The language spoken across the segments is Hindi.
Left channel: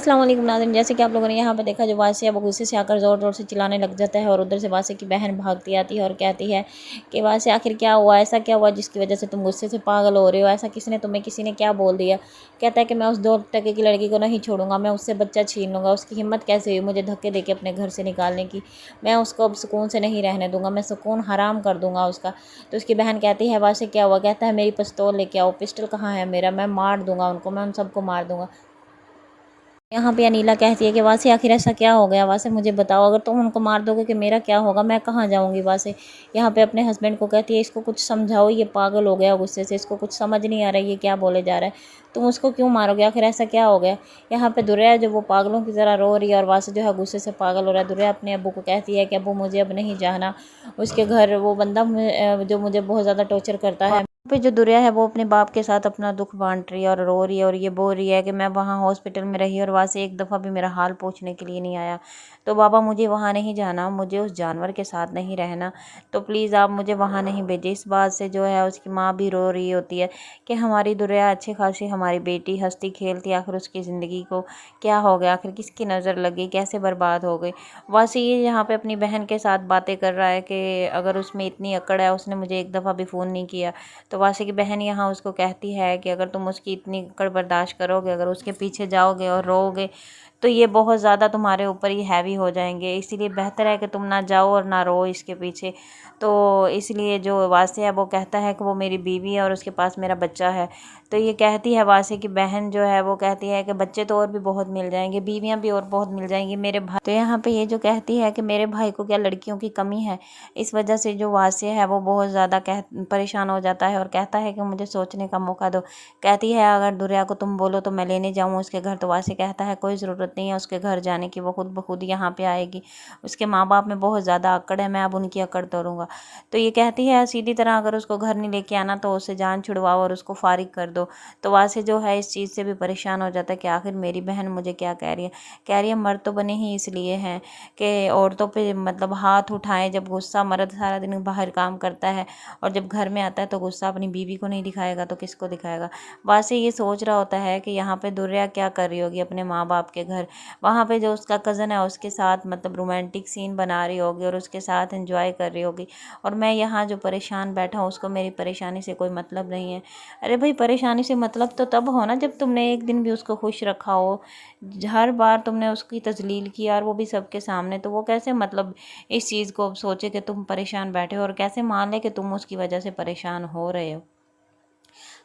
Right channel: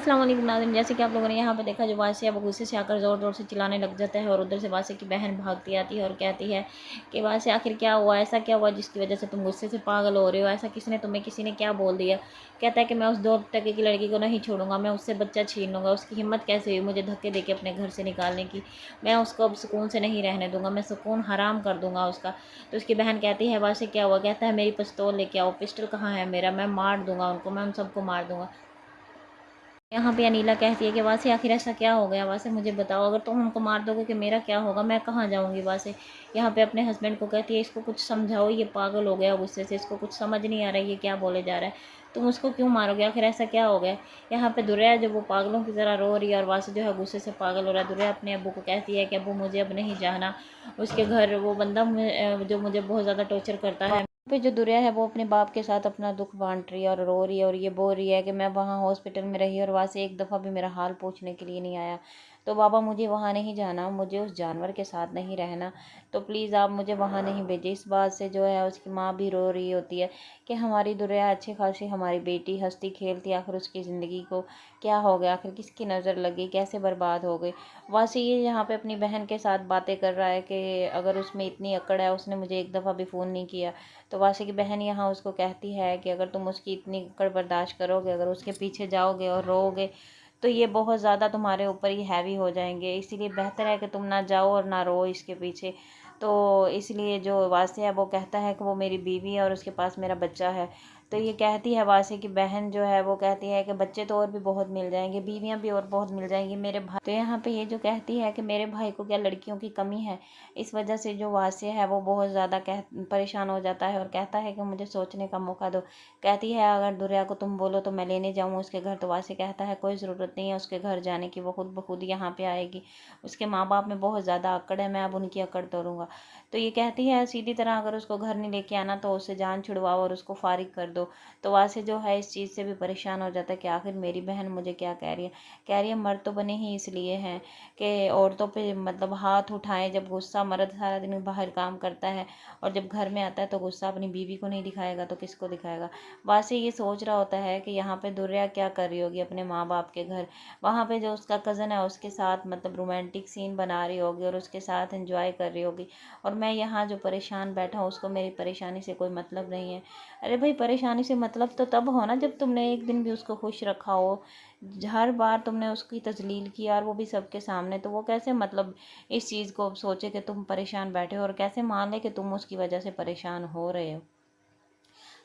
अस्सलाम वालेकुम नाज़रीन, जैसे कि आप लोगों ने यहाँ पे देखा, जो वासिया वो गुस्से से आकर ज़ोर-ज़ोर से चिल्लाने लग जाता है और उधर से वासिया की बहन भागती आती है और कहती है कि वासिया, आखिर क्या हुआ, ऐसा क्या हुआ जिसकी वजह से तुम गुस्से से पागल हो रही हो, ऐसा किसी ने क्या बोल दिया। कहता है कि मैं उस 2 टके की लड़की को नहीं छोड़ूंगा, मैं उससे बच्चा छीन लूँगा। उसकी हिम्मत कैसे हुई मुझे धक्के देके अपने घर से निकालने की। मैं उसको अब सुकून से नहीं रहने दूंगा, मैं सुकून हराम कर दूंगा उसका। तो उसकी बहन कहती है, वासिया क्या हुआ। कहता है, मेरी पिस्तौल लेके आओ। पिस्टल कहाँ है मेरा, मैं मार दूंगा उनको, मैं उन सबको मार दूंगा। यहाँ पे अनीला कहती है कि वासे, आखिर ऐसा क्या हो गया वासे, मुझे बताओ, अगर तुम उनको मार दोगे कि मेरा क्या होगा, मैं कहाँ जाऊँगी वासे। यहाँ पे अपने हस्बैंड को कहती है, इसको कुछ समझाओ, ये पागल हो गया गुस्से से, इसको कुछ समझ नहीं आ रहा है ये क्या बोले जा रहा है, तुम उसको क्यों मारोगे, आखिर ऐसा क्या हो गया। यहाँ पे दुर्या जो वो पागलों की तरह रो रही है और वासे जो है गुस्से से पागल हो रहा है। दुर्या अपने अब्बू को कहती है कि अब्बू, मुझे अब नहीं जाना उसके घर, वो बंदा जो मुझे बहुत ज़्यादा टॉर्चर करता है। पे जो दुर्या है वो अपने बाप के साथ अपना दुख बांट रही है और रो रही है और ये बोल रही है कि मैं वहाँ हॉस्पिटल में रही और वहाँ से एक दफ़ा भी मेरा हाल पूछने के लिए नहीं आया। तो बाबा, मुझे वहाँ नहीं जाना, मुझे उस जानवर के साथ नहीं रहना, तो प्लीज़ आप मुझे वहाँ नहीं भेजिए। इस बात से जो है उसकी माँ भी रो रही होती है कि हमारी दुर्या अच्छी खासी हमारी बेटी हंसती खेलती, आखिर उसकी ज़िंदगी को क्या हो गया, आखिर किसकी नज़र लगी, कैसे बर्बाद हो गई। वैसे ये यहाँ पे अपनी बहन के साथ बातें कर रहा है कि अगर उसमें इतनी अकड़ है, उसने मुझे एक दफ़ा भी फ़ोन नहीं किया। तो वासी की बहन यहाँ उसको कहती है कि अगर तुम उसकी इतनी कड़ बर्दाश्त करोगे, अगर उसके पीछे जाओगे और रोओगे, तो ये बहुत ज़्यादा तुम्हारे ऊपर ही हैवी हो जाएंगे, इसीलिए बेहतर है कि तुम ना जाओ और ना रो इसके पीछे। तो इसलिए जो वासी है वो कहता है कि वो मेरी बीवी है और उसके पास मेरा बच्चा है। तो ये कहती है, वासी की बहन जो है वो कहती है कि बच्चे तो और भी बहुत मिल जाएंगे, बीवियाँ भी और बहुत मिल जाएंगी मेरे भाई। तो यहाँ पे ये जो कहती है कि मेरे भाई को क्या लड़कियों की कमी है। इस वजह से जो वासिया है वो बहुत ज़्यादा परेशान हो जाता है और कहता है कि मुझे सोचने का मौका दो। कहती है, अगर दुर्या को तुम बोलो तो मैं लेने जाऊँ उसके घर। तो वासी कहता है, कोई ज़रूरत नहीं है उसके घर जाने की, वो खुद ब खुद यहाँ पे आएगी। उसके माँ बाप में बहुत ज़्यादा अकड़ है, मैं अब उनकी अकड़ तोड़ूंगा। तो ये कहती है, सीधी तरह अगर उसको घर नहीं लेके आना तो उससे जान छुड़वाओ और उसको फारिग कर दो। तो वासी जो है इस चीज़ से भी परेशान हो जाता है कि आखिर मेरी बहन मुझे क्या कह रही है। कह रही है, मर्द तो बने ही इसलिए हैं कि औरतों पे मतलब हाथ उठाएं जब गुस्सा। मर्द सारा दिन बाहर काम करता है और जब घर में आता है तो गुस्सा अपनी बीवी को नहीं दिखाएगा तो किसको दिखाएगा। वासे ये सोच रहा होता है कि यहाँ पे दुर्या क्या कर रही होगी अपने माँ बाप के घर, वहाँ पे जो उसका कज़न है उसके साथ मतलब रोमांटिक सीन बना रही होगी और उसके साथ एंजॉय कर रही होगी, और मैं यहाँ जो परेशान बैठा हूँ उसको मेरी परेशानी से कोई मतलब नहीं है। अरे भाई, परेशानी से मतलब तो तब हो ना जब तुमने एक दिन भी उसको खुश रखा हो। हर बार तुमने उसकी तजलील की और वो भी सबके सामने, तो वो कैसे मतलब इस चीज़ को सोचे कि तुम परेशान बैठे हो और कैसे मान ले कि तुम उसकी वजह से परेशान हो रहे हो।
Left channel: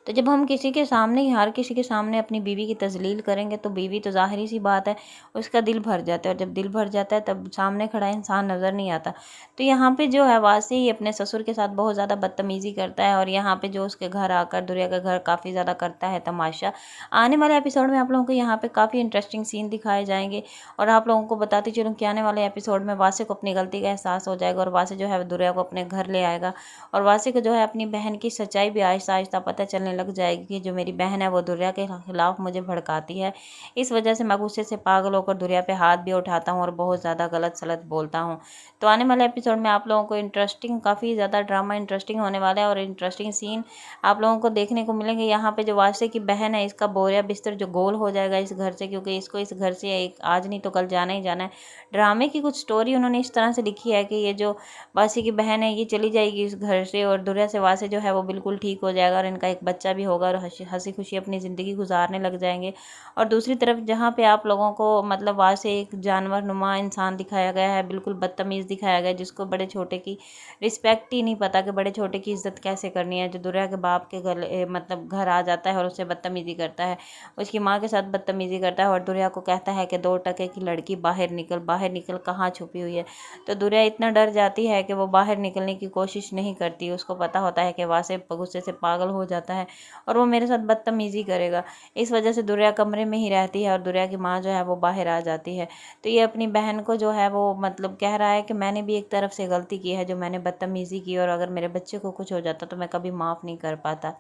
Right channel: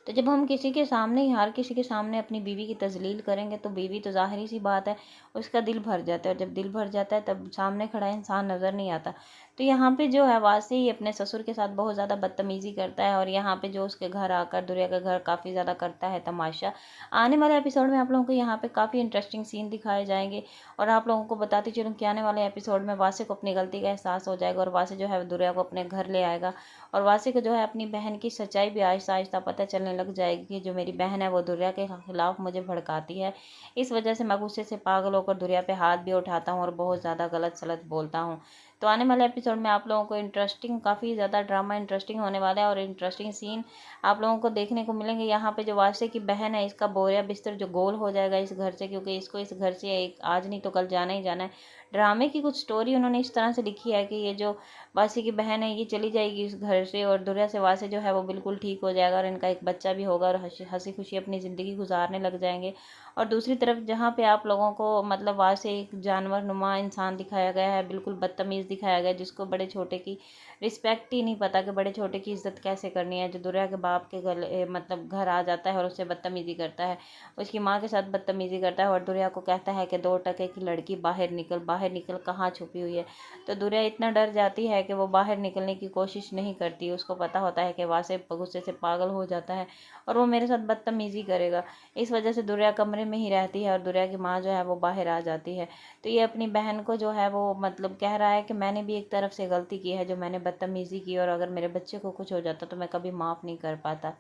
तो जब हम किसी के सामने ही, हर किसी के सामने अपनी बीवी की तजलील करेंगे तो बीवी तो ज़ाहिर सी बात है उसका दिल भर जाता है, और जब दिल भर जाता है तब सामने खड़ा इंसान नज़र नहीं आता। तो यहाँ पे जो है वासी ही अपने ससुर के साथ बहुत ज़्यादा बदतमीज़ी करता है और यहाँ पे जो उसके घर आकर दुर्या का घर काफ़ी ज़्यादा करता है तमाशा। आने वाले एपिसोड में आप लोगों को यहाँ पे काफ़ी इंटरेस्टिंग सीन दिखाए जाएंगे और आप लोगों को बताती चलूँ कि आने वाले एपिसोड में वासी को अपनी गलती का एहसास हो जाएगा और वासी जो है दुर्या को अपने घर ले आएगा और वासी को जो है अपनी बहन की सच्चाई भी आहिस्ता आहिस्ता पता चलने लग जाएगी कि जो मेरी बहन है वो दुर्या के खिलाफ मुझे भड़काती है। इस वजह से मैं गुस्से से पागल होकर दुर्या पे हाथ भी उठाता हूँ और बहुत ज़्यादा गलत सलत बोलता हूँ। तो आने वाले एपिसोड में आप लोगों को इंटरेस्टिंग, काफ़ी ज़्यादा ड्रामा इंटरेस्टिंग होने वाला है और इंटरेस्टिंग सीन आप लोगों को देखने को मिलेंगे। यहाँ पे जो वासी की बहन है इसका बोरिया बिस्तर जो गोल हो जाएगा इस घर से, क्योंकि इसको इस घर से एक आज नहीं तो कल जाना ही जाना है। ड्रामे की कुछ स्टोरी उन्होंने इस तरह से लिखी है कि ये जो वासी की बहन है ये चली जाएगी इस घर से और दुर्या से वासी जो है वो बिल्कुल ठीक हो जाएगा और इनका एक बच्चा भी होगा और हंसी खुशी अपनी ज़िंदगी गुजारने लग जाएंगे। और दूसरी तरफ जहाँ पे आप लोगों को मतलब वासी एक जानवर नुमा इंसान दिखाया गया है, बिल्कुल बदतमीज़ दिखाया गया है, जिसको बड़े छोटे की रिस्पेक्ट ही नहीं पता कि बड़े छोटे की इज्जत कैसे करनी है, जो दुर्या के बाप के घर मतलब घर आ जाता है और उससे बदतमीज़ी करता है, उसकी माँ के साथ बदतमीज़ी करता है और दुर्या को कहता है कि 2 टके की लड़की बाहर निकल, कहाँ छुपी हुई है। तो दुर्या इतना डर जाती है कि वो बाहर निकलने की कोशिश नहीं करती, उसको पता होता है कि वासे गुस्से से पागल हो जाता है और वो मेरे साथ बदतमीज़ी करेगा। इस वजह से दुर्या कमरे में ही रहती है और दुर्या की माँ जो है वो बाहर आ जाती है। तो ये अपनी बहन को जो है वो मतलब कह रहा है कि मैंने भी एक तरफ से गलती की है, जो मैंने बदतमीज़ी की, और अगर मेरे बच्चे को कुछ हो जाता तो मैं कभी माफ़ नहीं कर पाता।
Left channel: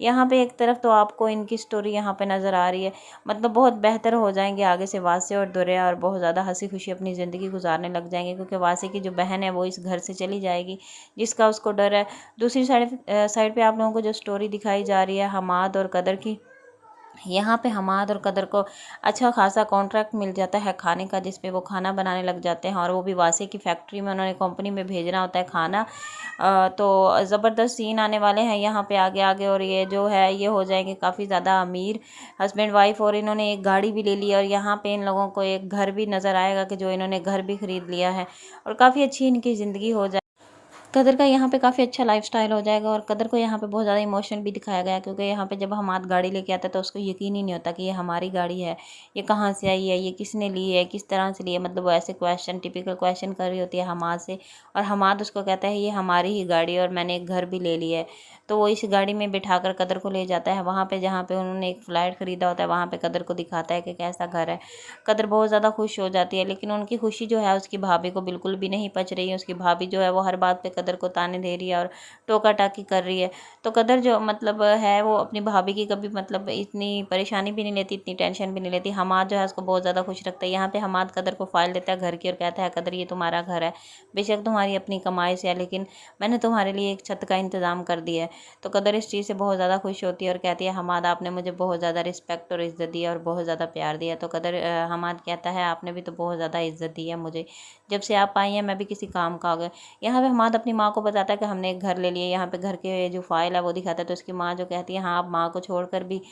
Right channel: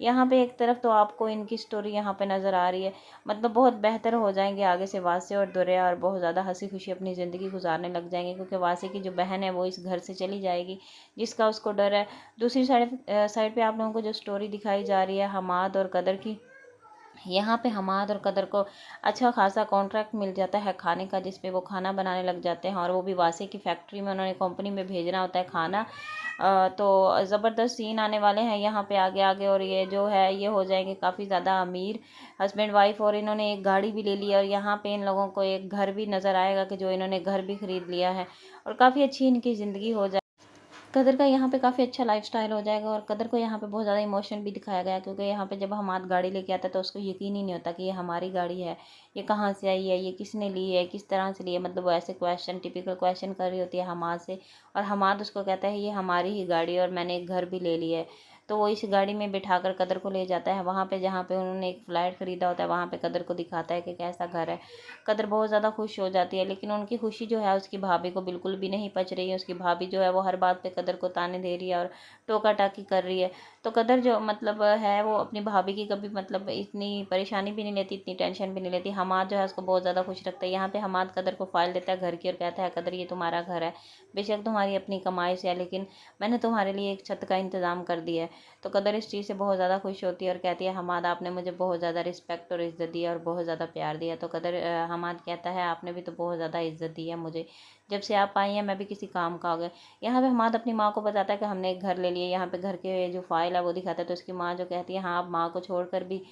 यहाँ पे एक तरफ तो आपको इनकी स्टोरी यहाँ पे नज़र आ रही है, मतलब बहुत बेहतर हो जाएंगे आगे से वासे और दुर्या और बहुत ज़्यादा हंसी खुशी अपनी ज़िंदगी गुजारने लग जाएंगे, क्योंकि वासे की जो बहन है वो इस घर से चली जाएगी जिसका उसको डर है। दूसरी साइड पे आप लोगों को जो स्टोरी दिखाई जा रही है हमाद और कदर की, यहाँ पे हमाद और कदर को अच्छा खासा कॉन्ट्रैक्ट मिल जाता है खाने का, जिस पे वो खाना बनाने लग जाते हैं और वो भी वासे की फैक्ट्री में उन्होंने कंपनी में भेजना होता है खाना। तो ज़बरदस्त सीन आने वाले हैं यहाँ पे आगे आगे, और ये जो है ये हो जाएंगे काफ़ी ज़्यादा अमीर हस्बैंड वाइफ, और इन्होंने एक गाड़ी भी ले ली है और यहाँ पे इन लोगों को एक घर भी नज़र आएगा कि जो इन्होंने घर भी ख़रीद लिया है, और काफ़ी अच्छी इनकी ज़िंदगी हो जाए। कदर का यहाँ पे काफ़ी अच्छा लाइफस्टाइल हो जाएगा, और कदर को यहाँ पे बहुत ज़्यादा इमोशन भी दिखाया गया है, क्योंकि यहाँ पे जब हमाद गाड़ी लेके आता है तो उसको यकीन ही नहीं होता कि ये हमारी गाड़ी है, ये कहाँ से आई है, ये किसने ली है, किस तरह से ली है। मतलब वो ऐसे क्वेश्चन, टिपिकल क्वेश्चन कर रही होती है हमाद से, और हमाद उसको कहता है ये हमारी ही गाड़ी है और मैंने एक घर भी ले लिया है। तो वो इस गाड़ी में बिठाकर कदर को ले जाता है वहाँ पे जहाँ पे उन्होंने एक फ्लैट ख़रीदा होता है, वहाँ पे कदर को दिखाता है कि कैसा घर है। कदर बहुत ज़्यादा खुश हो जाती है, लेकिन उनकी खुशी जो है उसकी भाभी को बिल्कुल भी नहीं पच रही है। उसकी भाभी जो है वो हर बात पे कदर को ताने दे रही है और टोका टाकी कर रही है। तो कदर जो मतलब है वो अपनी भाभी की कभी मतलब इतनी परेशानी भी नहीं लेती, इतनी टेंशन भी नहीं लेती। हमाद जो है उसको बहुत ज़्यादा खुश रखता है। यहाँ पे हमाद कदर को फ़ाइल देता है घर की और कहता है कदर ये तुम्हारा घर है, बेशक तुम्हारी अपनी कमाई से है, लेकिन मैंने तुम्हारे लिए एक छत का इंतज़ाम कर दिया है। तो कदर इस चीज़ से बहुत ज़्यादा खुश होती है और कहती है हमाद आपने मुझे बहुत ज़्यादा रिस्पेक्ट और इज़्ज़त दी है और बहुत ज़्यादा प्यार दिया। तो कदर हमाद कहता है आपने भी तो बहुत ज़्यादा इज़्ज़त दी है मुझे, जब से आप आई हैं मैं भी किसी काम का आ गया। यहाँ पे हमाद अपनी माँ को बताता है कि हमने एक घर ले लिया। यहाँ पे घर के जो फाइल है वो दिखाता है, तो उसकी माँ जो कहती है हाँ आप माँ को छोड़कर भी,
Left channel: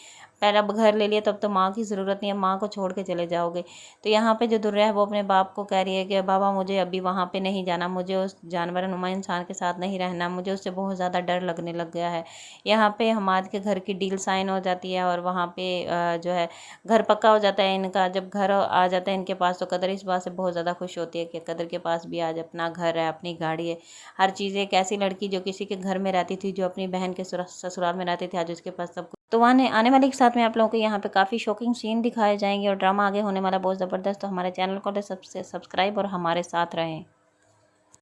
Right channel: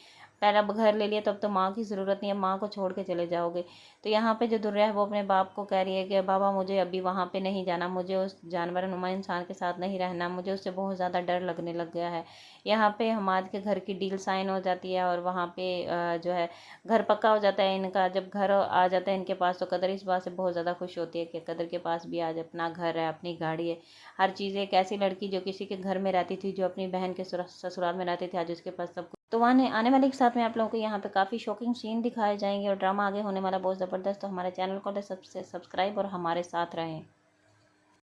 पहले अब घर ले लिया तो अब तो माँ की ज़रूरत नहीं है, माँ को छोड़ के चले जाओगे। तो यहाँ पे जो दुर्रा है वो अपने बाप को कह रही है कि बाबा मुझे अभी वहाँ पे नहीं जाना, मुझे उस जानवर नुमा इंसान के साथ नहीं रहना, मुझे उससे बहुत ज़्यादा डर लगने लग गया है। यहाँ पे हमाद के घर की डील साइन हो जाती है और वहाँ पे जो है घर पक्का हो जाता है इनका। जब घर आ जाता है इनके पास तो कदर इस बात से बहुत ज़्यादा खुश होती है कि कदर के पास भी आज अपना घर है, अपनी गाड़ी है, हर चीज़। एक ऐसी लड़की जो किसी के घर में रहती थी, जो अपनी बहन के ससुराल में रहती थी, आज उसके पास सब कुछ। तो आने आने वाले के साथ में आप लोगों को यहाँ पे काफ़ी शॉकिंग सीन दिखाए जाएंगे और ड्रामा आगे होने वाला बहुत ज़बरदस्त। तो हमारे चैनल को सबसे सब्सक्राइब और हमारे साथ रहें।